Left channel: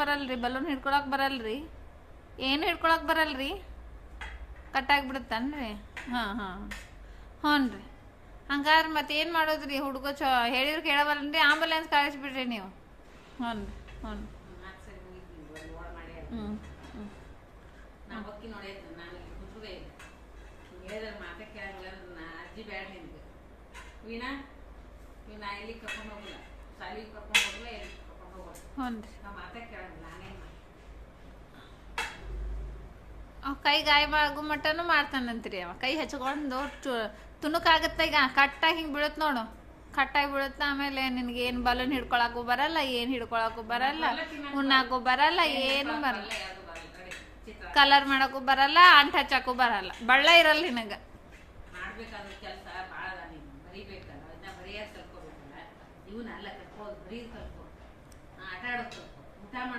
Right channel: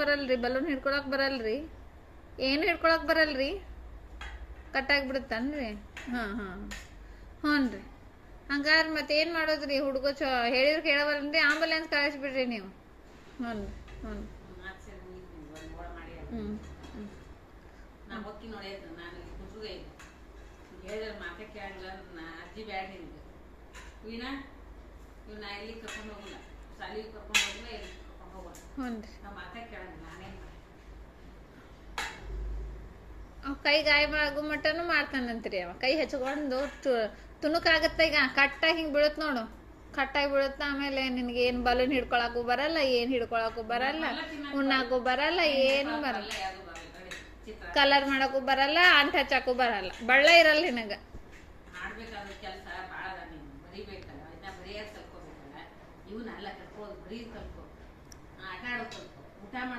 ಬರಲ್ರಿ ಬಲೂನ್ ಹಿಡ್ಕೊಳಕ್ ಬರಲ್ರಿ ಏನು ಹಿಡ್ಕೊಳಕ್ ಬರಲ್ರಿ ಕಟ್ಟಾಗ್ಬಿಡುತ್ತನ್ರಿ ಹಾಂ ಹ್ಞೂ ರೀ ಹಂಗಾರೆ ಮತ್ತೆ ಏನು ಮಾಡೋದ್ರಿ ಹುಡುಗ ಹೇಳಿದ್ರೆ ಕೇಳಬಲ್ಲನ್ರಿ ಆಂಬುಲೆನ್ಸ್ ಕಳಿಸ್ಬಿಡ್ರಿ ನೀವು ಹ್ಞೂ ಅಜ್ಜಿ ಬ್ಯಾಡ ನಿನ್ಗೆ ವೀಣಾ ನಾ ಇಲ್ಲಿ ಕರ್ಕೊಂಡು ಹೋಗಲ್ಲ ಶಾಲೆಗೆ ಕರ್ಕೊಂಡು ಹೋಗಲ್ಲ ಎಲ್ಲಿ ಕರ್ಕೊಂಡು ಹೋಗಲ್ಲ ನಾ ಮಾತಾ ಕೇಳಂಗಿಲ್ಲ ನಾನೇನು ಮಾಡಿ ಕೈ ಗಾಯ ಆಗೋ ಮಟ್ಟನು ಮಾಡ್ತಾನಂತ್ರಿ ಅವ ಕೈ ಹಚ್ಕೊಂಡು ತುಣುಕಾಗತ್ತ ಈಗ ಕಟ್ಟಾಗಿ ಹಿಂಗೆ ಬೀಳತ್ ನೋಡು ಕಟ್ಟಾಗಿ ಬೀಳುತ್ತ ಆಮೇಲೆ ನಿನ್ಗೆ ಏನು ಬಲೂನ್ ಹಿಡ್ಕೊಳಕ್ಕೂ ಬರಲ್ಲ ಏನು ಹಿಡ್ಕೊಳಕ್ಕೂ ಬರಲ್ಲ ಉಣ್ಣಾಕು ಬರಲ್ಲ ಏನು ಬರಲ್ಲ ಕಲರ್ ಮಾಡಕ್ಕೂ ಬರಲ್ಲ ಅಂಟ್ ಹಚ್ಚಕ್ಕೂ ಬರಲ್ಲ ಬಳ್ಳ ಇರಲ್ಲ ನಿನಗೆ ಮಾಡ್ಬೇಕಾದ ಕೆಲಸ ಭಾಳ ಅದ ನೀನು ಮರಿಬೇಕಲ್ಲ ಇದನ್ನ ಬರೆಯೋದು ಕಲ್ಕೋಬೇಕಲ್ಲ ಇವನ್ನೆಲ್ಲ ಕಲ್ಕೋದು ಬರೀದು ಕಲ್ಕೋ ಆಟ ಆಡೋದು ಕಲ್ಕೋ ಊಟ ಮಾಡೋದು